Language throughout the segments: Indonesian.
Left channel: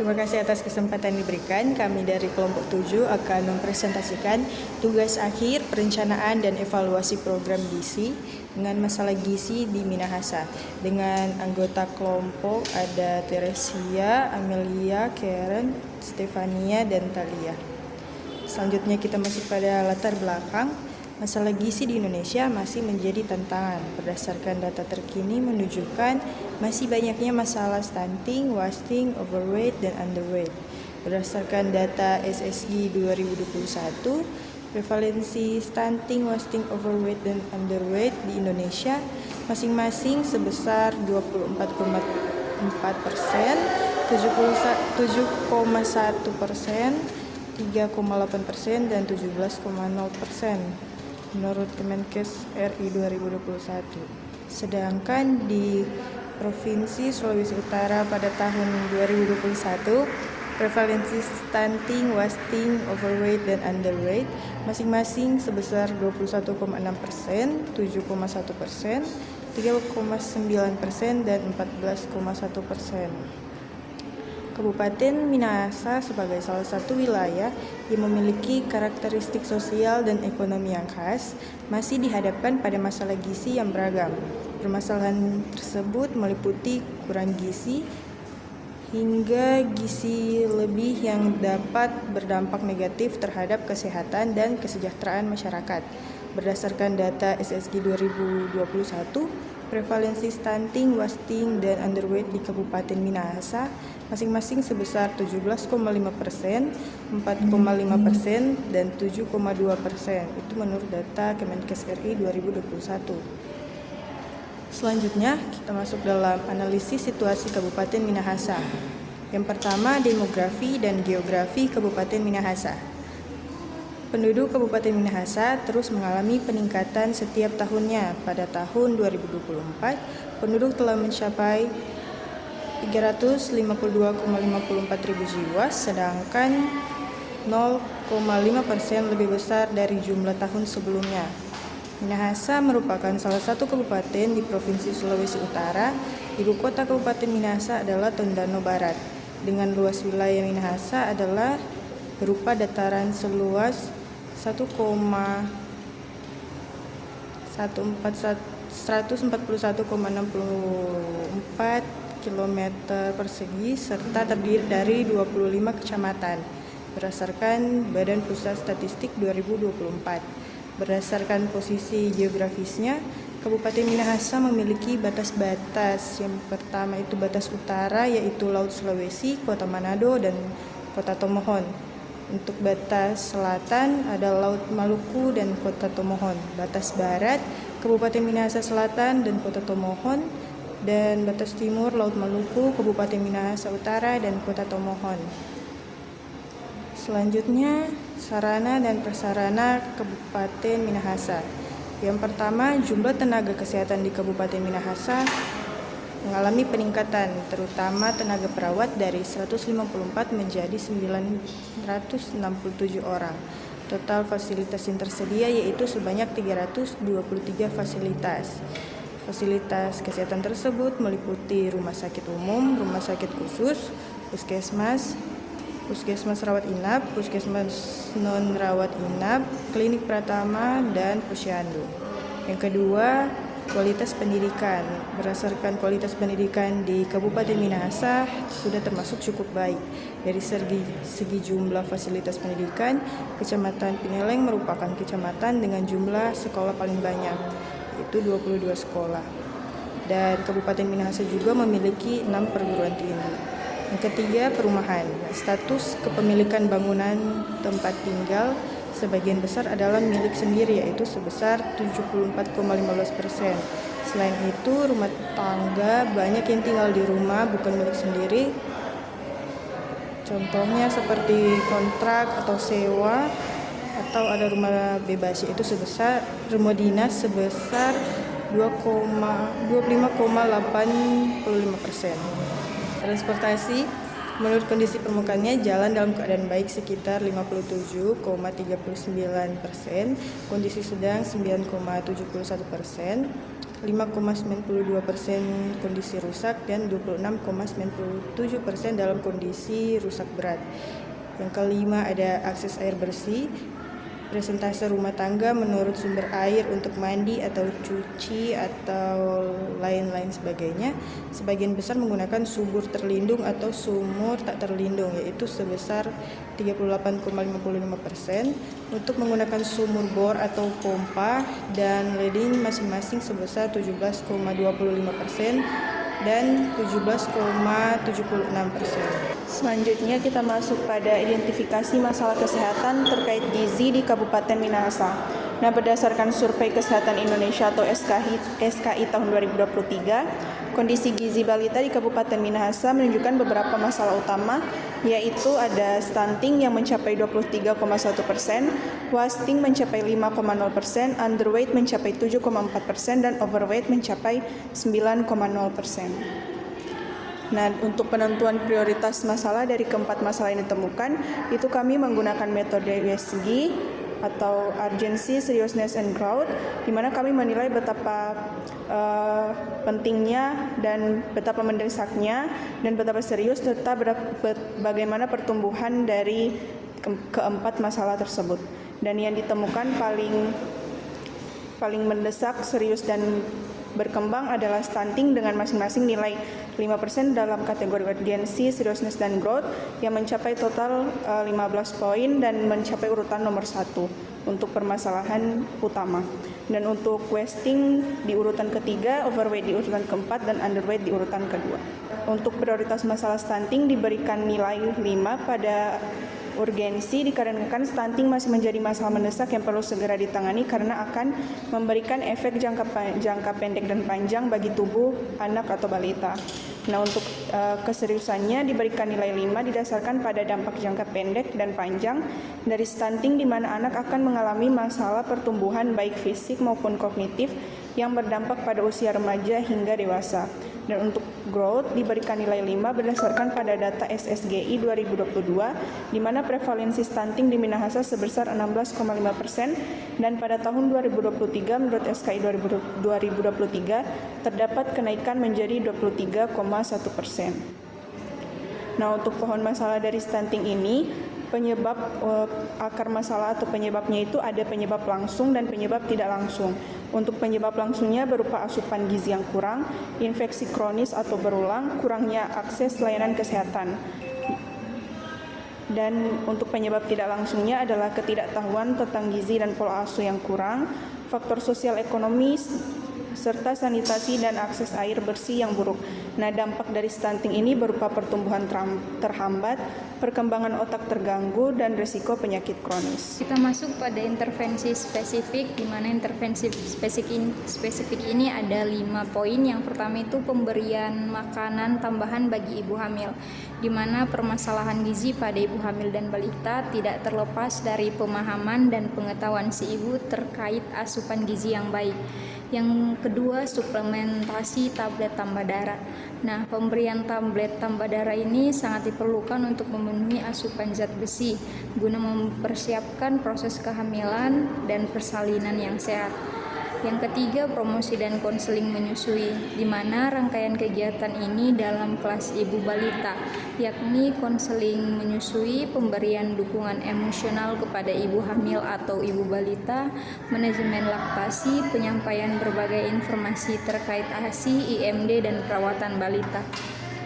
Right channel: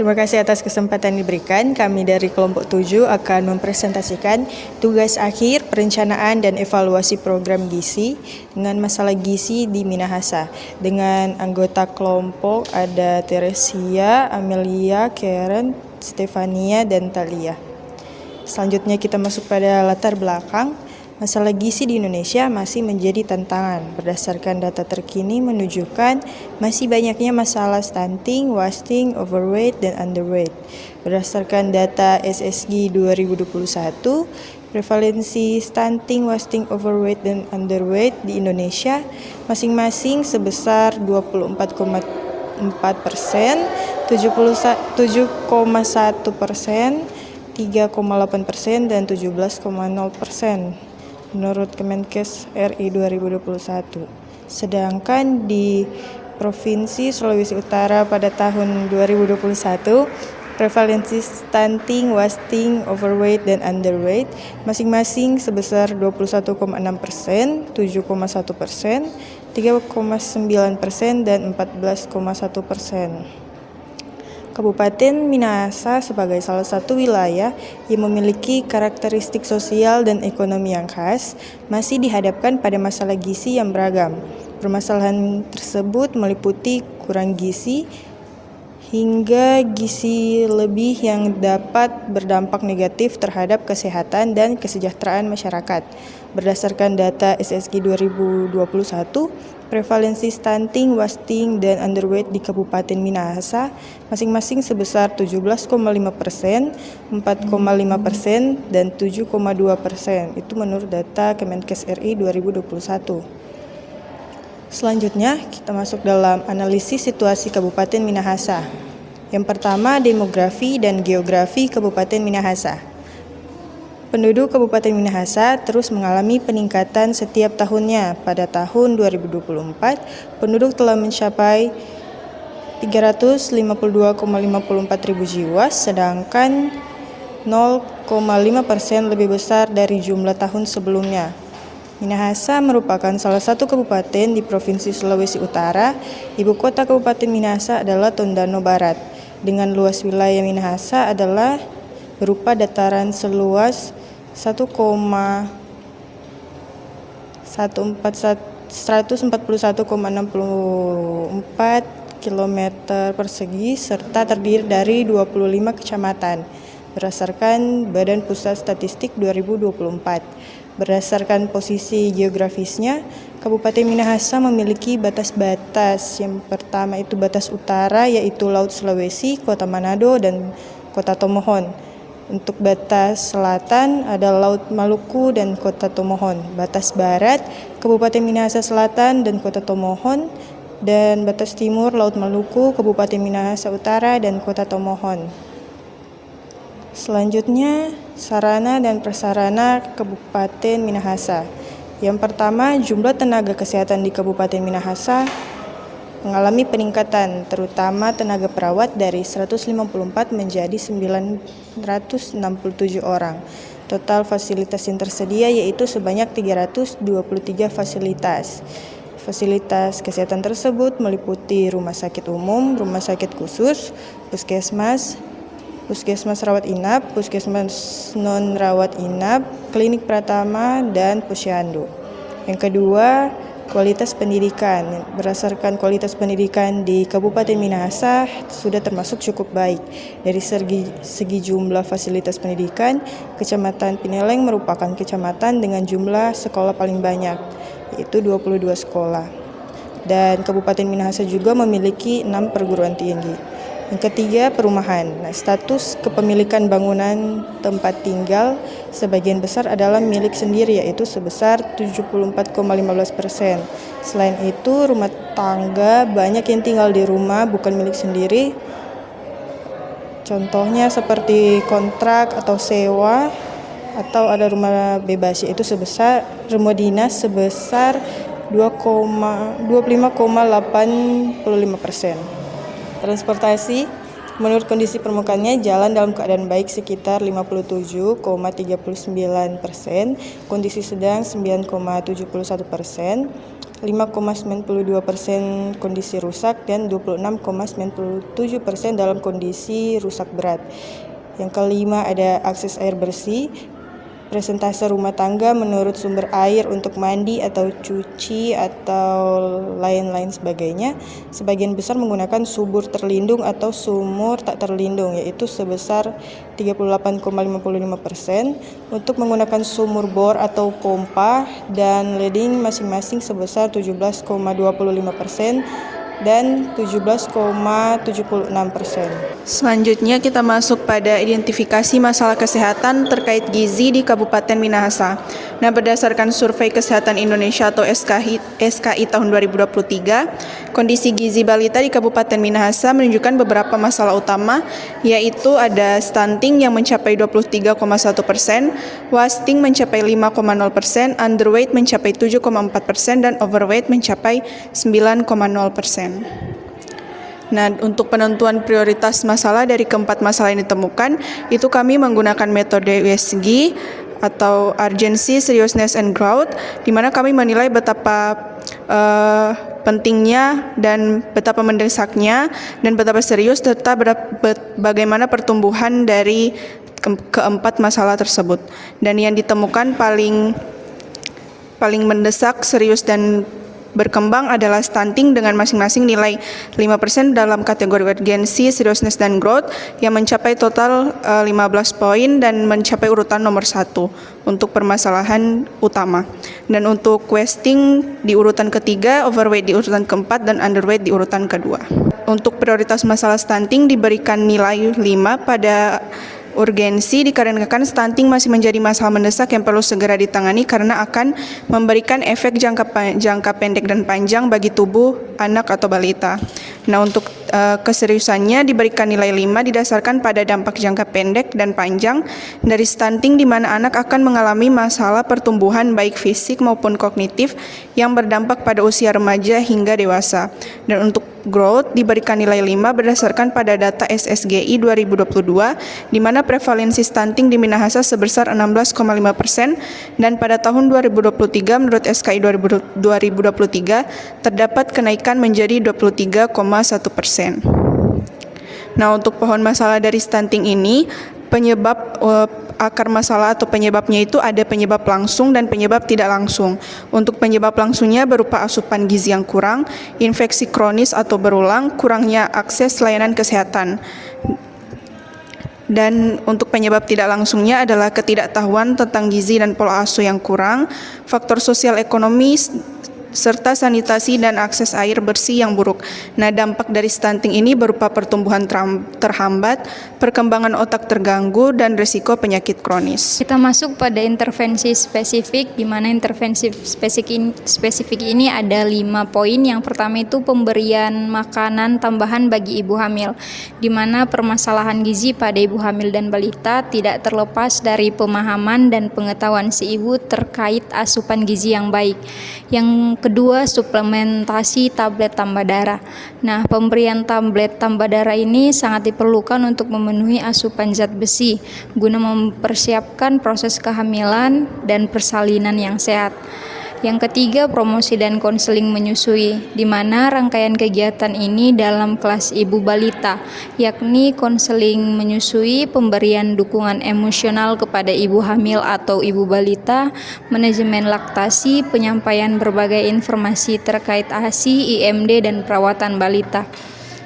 Terima kasih atas kesempatan diberikan. Kami dari kelompok 7 akan mempresentasikan tugas akhir perencanaan dan evaluasi program gizi dengan masalah gizi di Minahasa. Dengan anggota kelompok ada Teresia, Amelia, Karen, Stefania, dan Talia. Selanjutnya kita masuk pada latar belakang. Masalah gizi di Indonesia masih menjadi tantangan. Berdasarkan data terkini menunjukkan masih banyaknya masalah stunting, wasting, overweight, dan underweight. Berdasarkan data SSG 2021, prevalensi stunting, wasting, overweight, dan underweight di Indonesia masing-masing sebesar 24,4%, 7,1%, 3,8%, dan 17,0%. Menurut Kemenkes RI 2021. Sedangkan di Provinsi Sulawesi Utara pada tahun 2021, prevalensi stunting, wasting, overweight, dan underweight masing-masing sebesar 21,6%, 7,1%, 3,9%, dan 14,1%. Kabupaten Minahasa sebagai salah satu wilayah yang memiliki karakteristik sosial dan ekonomi yang khas, masih dihadapkan pada masalah gizi yang beragam. Permasalahan tersebut meliputi kurang gizi hingga gizi lebih yang dapat berdampak negatif terhadap kesehatan dan kesejahteraan masyarakat. Berdasarkan data SSG 2021, prevalensi stunting, wasting, dan underweight di Kabupaten Minahasa masing-masing sebesar 17,5%, 4,5%, dan 7,2%. Itu menurut data Kemenkes RI 2021. Selanjutnya, kita masuk dalam analisis situasi Kabupaten Minahasa. Yang pertama, demografi dan geografi Kabupaten Minahasa. Penduduk Kabupaten Minahasa terus mengalami peningkatan setiap tahunnya. Pada tahun 2024, penduduk telah mencapai 352,54 ribu jiwa, sedangkan 0,5% lebih besar dari jumlah tahun sebelumnya. Minahasa merupakan salah satu kabupaten di Provinsi Sulawesi Utara. Ibu kota Kabupaten Minahasa adalah Tondano Barat. Dengan luas wilayah Minahasa adalah berupa dataran seluas 141,64 km persegi serta terdiri dari 25 kecamatan berdasarkan Badan Pusat Statistik 2024. Berdasarkan posisi geografisnya, Kabupaten Minahasa memiliki batas-batas. Yang pertama itu batas utara, yaitu Laut Sulawesi, Kota Manado, dan Kota Tomohon. Untuk batas selatan ada Laut Maluku dan Kota Tomohon. Batas barat, Kabupaten Minahasa Selatan dan Kota Tomohon. Dan batas timur, Laut Maluku, Kabupaten Minahasa Utara, dan Kota Tomohon. Selanjutnya, sarana dan prasarana Kabupaten Minahasa. Yang pertama, jumlah tenaga kesehatan di Kabupaten Minahasa mengalami peningkatan, terutama tenaga perawat dari 154 menjadi 967 orang. Total fasilitas yang tersedia yaitu sebanyak 323 fasilitas. Fasilitas kesehatan tersebut meliputi rumah sakit umum, rumah sakit khusus, puskesmas, puskesmas rawat inap, puskesmas non rawat inap, klinik pratama, dan posyandu. Yang kedua, kualitas pendidikan. Berdasarkan kualitas pendidikan di Kabupaten Minahasa sudah termasuk cukup baik. Dari segi jumlah fasilitas pendidikan, Kecamatan Pineleng merupakan kecamatan dengan jumlah sekolah paling banyak, yaitu 22 sekolah. Dan Kabupaten Minahasa juga memiliki 6 perguruan tinggi. Yang ketiga, perumahan. Status kepemilikan bangunan tempat tinggal sebagian besar adalah milik sendiri, yaitu sebesar 74,15%. Selain itu, rumah tangga banyak yang tinggal di rumah bukan milik sendiri. Contohnya seperti kontrak atau sewa, atau ada rumah bebas, yaitu sebesar rumah dinas sebesar 25,85%. Transportasi, menurut kondisi permukaannya, jalan dalam keadaan baik sekitar 57,39%, kondisi sedang 9,71%, 5,92% kondisi rusak, dan 26,97% dalam kondisi rusak berat. Yang kelima ada akses air bersih. Presentase rumah tangga menurut sumber air untuk mandi atau cuci atau lain-lain sebagainya, sebagian besar menggunakan sumur terlindung atau sumur tak terlindung, yaitu sebesar 38,55%, untuk menggunakan sumur bor atau pompa dan leading masing-masing sebesar 17,25% dan 17,76%. Selanjutnya kita masuk pada identifikasi masalah kesehatan terkait gizi di Kabupaten Minahasa. Nah, berdasarkan Survei Kesehatan Indonesia atau SKI tahun 2023, kondisi gizi balita di Kabupaten Minahasa menunjukkan beberapa masalah utama, yaitu ada stunting yang mencapai 23,1%, wasting mencapai 5,0%, underweight mencapai 7,4%, dan overweight mencapai 9,0%. Nah, untuk penentuan prioritas masalah dari keempat masalah yang ditemukan, itu kami menggunakan metode USG atau Urgency, Seriousness, and Growth, di mana kami menilai betapa pentingnya dan betapa mendesaknya dan betapa serius serta bagaimana pertumbuhan dari keempat masalah tersebut. Dan yang ditemukan paling mendesak, serius, dan berkembang adalah stunting dengan masing-masing nilai 5% dalam kategori urgency, seriousness, dan growth yang mencapai total 15 poin dan mencapai urutan nomor 1 untuk permasalahan utama. Dan untuk wasting di urutan ketiga, overweight di urutan keempat, dan underweight di urutan kedua. Untuk prioritas masalah stunting diberikan nilai 5 pada urgensi dikarenakan stunting masih menjadi masalah mendesak yang perlu segera ditangani karena akan memberikan efek jangka pendek dan panjang bagi tubuh anak atau balita. Nah, untuk keseriusannya diberikan nilai 5 didasarkan pada dampak jangka pendek dan panjang dari stunting, di mana anak akan mengalami masalah pertumbuhan baik fisik maupun kognitif yang berdampak pada usia remaja hingga dewasa. Dan untuk growth diberikan nilai 5 berdasarkan pada data SSGI 2022, di mana prevalensi stunting di Minahasa sebesar 16,5%, dan pada tahun 2023 menurut SKI 2023 terdapat kenaikan menjadi 23,1%. Nah, untuk pohon masalah dari stunting ini, penyebab akar masalah atau penyebabnya itu ada penyebab langsung dan penyebab tidak langsung. Untuk penyebab langsungnya berupa asupan gizi yang kurang, infeksi kronis atau berulang, kurangnya akses layanan kesehatan. Dan untuk penyebab tidak langsungnya adalah ketidaktahuan tentang gizi dan pola asuh yang kurang, faktor sosial ekonomi, serta sanitasi dan akses air bersih yang buruk. Nah, dampak dari stunting ini berupa pertumbuhan terhambat, perkembangan otak terganggu, dan risiko penyakit kronis. Kita masuk pada intervensi spesifik, di mana intervensi spesifik ini ada 5 poin. Yang pertama itu pemberian makanan tambahan bagi ibu hamil, di mana permasalahan gizi pada ibu hamil dan balita tidak terlepas dari pemahaman dan pengetahuan si ibu terkait asupan gizi yang baik. Yang kedua, suplementasi tablet tambah darah. Nah, pemberian tablet tambah darah ini sangat diperlukan untuk memenuhi asupan zat besi guna mempersiapkan proses kehamilan dan persalinan yang sehat. Yang ketiga, promosi dan konseling menyusui, di mana rangkaian kegiatan ini dalam kelas ibu balita, yakni konseling menyusui, pemberian dukungan emosional kepada ibu hamil atau ibu balita, manajemen laktasi, penyampaian berbagai informasi terkait ASI, IMD, dan perawatan balita.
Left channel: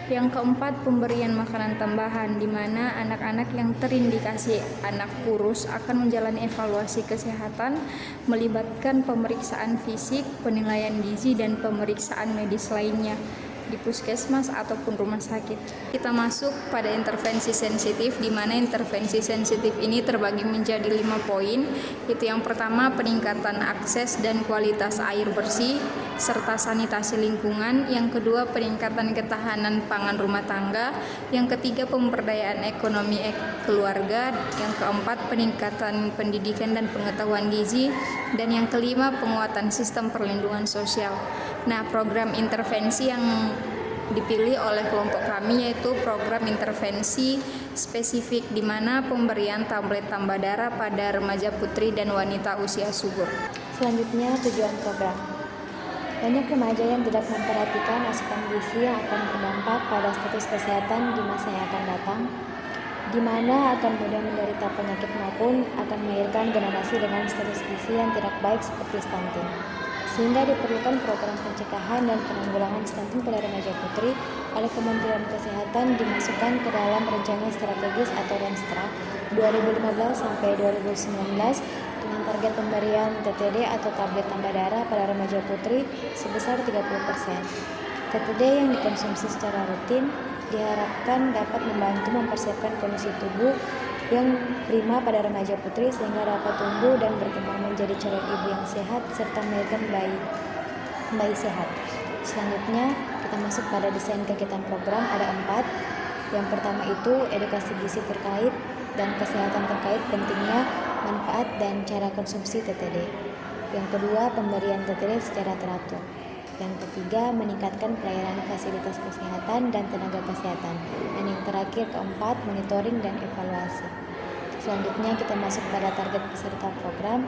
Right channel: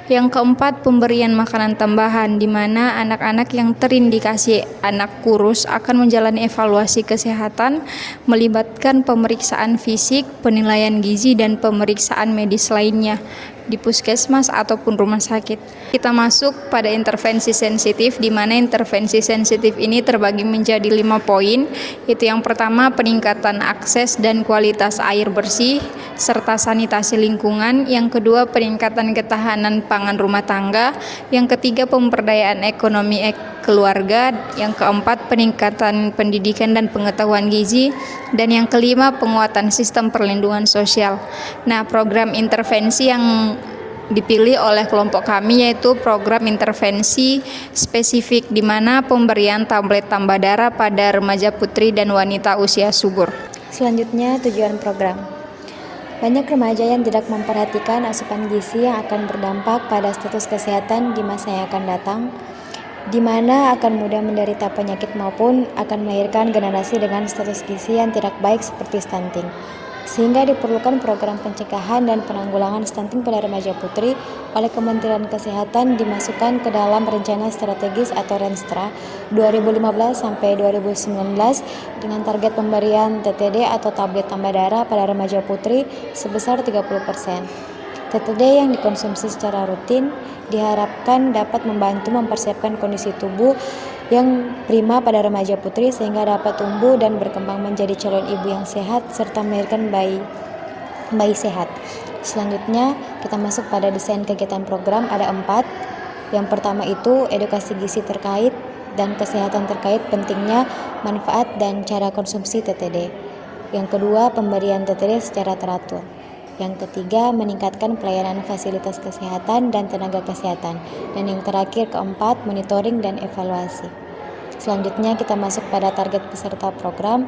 Yang keempat, pemberian makanan tambahan, di mana anak-anak yang terindikasi anak kurus akan menjalani evaluasi kesehatan melibatkan pemeriksaan fisik, penilaian gizi, dan pemeriksaan medis lainnya di puskesmas ataupun rumah sakit. Kita masuk pada intervensi sensitif, di mana intervensi sensitif ini terbagi menjadi 5 poin, yaitu yang pertama peningkatan akses dan kualitas air bersih serta sanitasi lingkungan, yang kedua peningkatan ketahanan pangan rumah tangga, yang ketiga pemberdayaan ekonomi keluarga, yang keempat peningkatan pendidikan dan pengetahuan gizi, dan yang kelima penguatan sistem perlindungan sosial. Nah, program intervensi yang dipilih oleh kelompok kami yaitu program intervensi spesifik, di mana pemberian tablet tambah darah pada remaja putri dan wanita usia subur. Selanjutnya, tujuan program. Banyak remaja yang tidak memperhatikan asupan gizi yang akan berdampak pada status kesehatan di masa yang akan datang, di mana akan mudah menderita penyakit maupun akan melahirkan generasi dengan status gizi yang tidak baik seperti stunting. Sehingga diperlukan program pencegahan dan penanggulangan stunting pada remaja putri oleh Kementerian Kesehatan dimasukkan ke dalam Rencana Strategis atau Renstra 2015 sampai 2019 dengan target pemberian TTD atau tablet tambah darah pada remaja putri sebesar 30%. TTD yang dikonsumsi secara rutin diharapkan dapat membantu mempersiapkan kondisi tubuh yang prima pada remaja putri sehingga dapat tumbuh dan berkembang menjadi calon ibu yang sehat serta melahirkan bayi sehat. Selanjutnya kita masuk pada desain kegiatan program, ada 4. Yang pertama itu edukasi gizi terkait dan kesehatan terkait pentingnya manfaat dan cara konsumsi TTD. Yang kedua, pemberian TTD secara teratur. Yang ketiga, meningkatkan pelayanan fasilitas kesehatan dan tenaga kesehatan. Dan yang terakhir, keempat, monitoring dan evaluasi. Selanjutnya kita masuk pada target peserta program,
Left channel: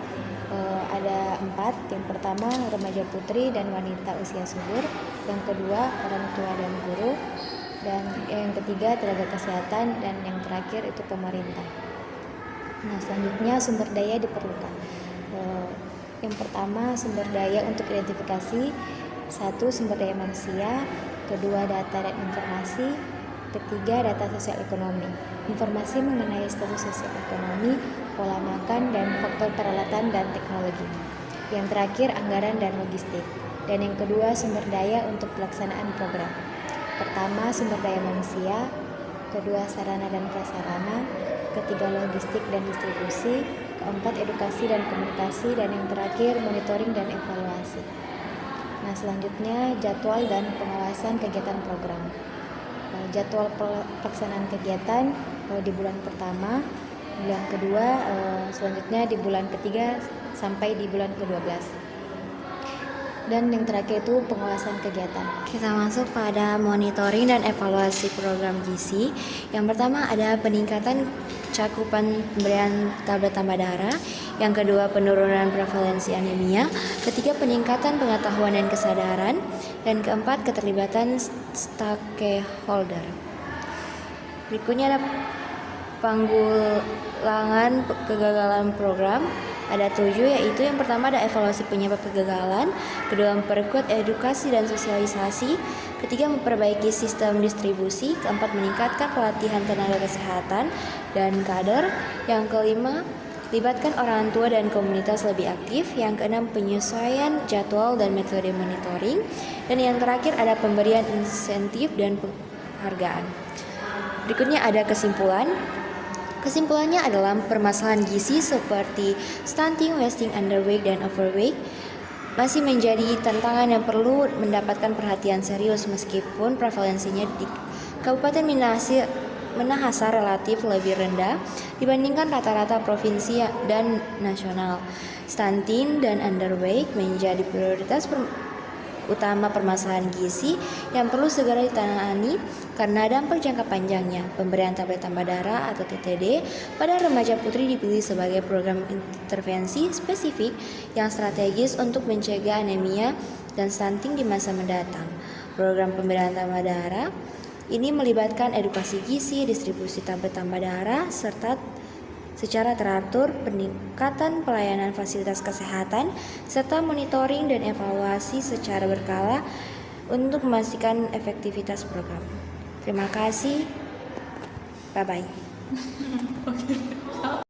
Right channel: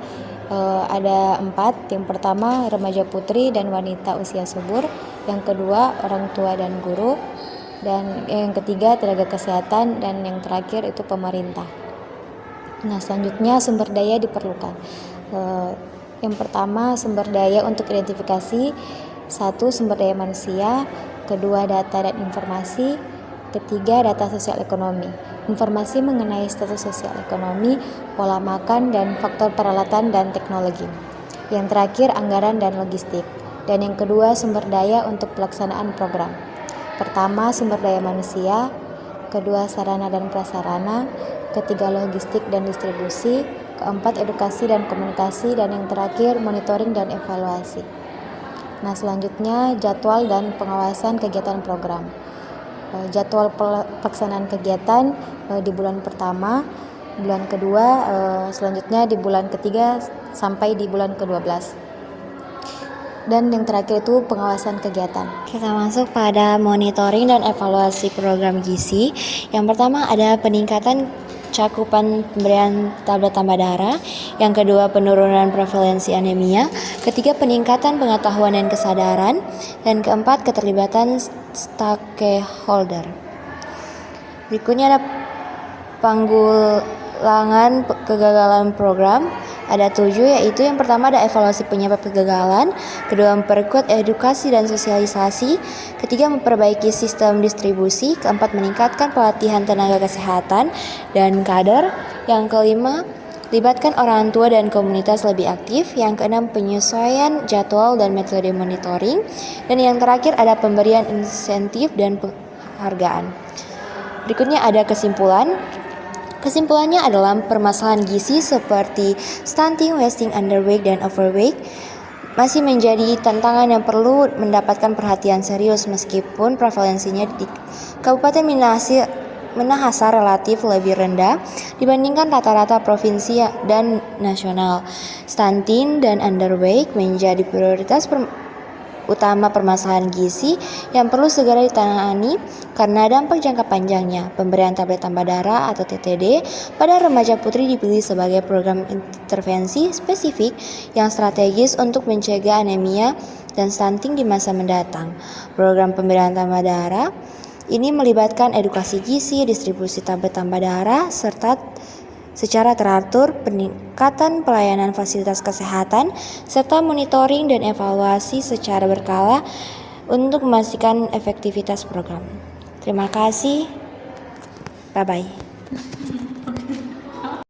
ada 4. Yang pertama, remaja putri dan wanita usia subur. Yang kedua, orang tua dan guru. Dan yang ketiga, tenaga kesehatan. Dan yang terakhir itu pemerintah. Nah, selanjutnya sumber daya diperlukan. Yang pertama, sumber daya untuk identifikasi. 1. Sumber daya manusia. Kedua, data dan informasi. Ketiga, data sosial ekonomi. Informasi mengenai status sosial ekonomi, pola makan, dan faktor peralatan dan teknologi. Yang terakhir, anggaran dan logistik. Dan yang kedua, sumber daya untuk pelaksanaan program. Pertama, sumber daya manusia. Kedua, sarana dan prasarana. Ketiga, logistik dan distribusi. Keempat, edukasi dan komunikasi. Dan yang terakhir, monitoring dan evaluasi. Nah, selanjutnya jadwal dan pengawasan kegiatan program. Jadwal pelaksanaan kegiatan di bulan pertama, bulan kedua, selanjutnya di bulan ketiga sampai di bulan ke-12. Dan yang terakhir itu pengawasan kegiatan. Kita masuk pada monitoring dan evaluasi program gizi. Yang pertama ada peningkatan cakupan pemberian tablet tambah darah. Yang kedua, penurunan prevalensi anemia. Ketiga, peningkatan pengetahuan dan kesadaran. Dan keempat, keterlibatan stakeholder. Berikutnya ada panggulangan kegagalan program. Ada 7, yaitu yang pertama ada evaluasi penyebab kegagalan. Kedua, memperkuat edukasi dan sosialisasi. Ketiga, memperbaiki sistem distribusi. Keempat, meningkatkan pelatihan tenaga kesehatan dan kader. Yang kelima, libatkan orang tua dan komunitas lebih aktif. Yang keenam, penyesuaian jadwal dan metode monitoring. Dan yang terakhir ada pemberian insentif dan penghargaan. Berikutnya ada kesimpulan. Kesimpulannya adalah permasalahan gizi seperti stunting, wasting, underweight, dan overweight masih menjadi tantangan yang perlu mendapatkan perhatian serius meskipun prevalensinya di Kabupaten Minahasa relatif lebih rendah dibandingkan rata-rata provinsi dan nasional. Stunting dan underweight menjadi prioritas utama permasalahan gizi yang perlu segera ditangani karena dampak jangka panjangnya. Pemberian tablet tambah darah atau TTD pada remaja putri dipilih sebagai program intervensi spesifik yang strategis untuk mencegah anemia dan stunting di masa mendatang. Program pemberian tambah darah ini melibatkan edukasi gizi, distribusi tablet tambah darah, serta secara teratur, peningkatan pelayanan fasilitas kesehatan, serta monitoring dan evaluasi secara berkala untuk memastikan efektivitas program. Terima kasih. Bye-bye.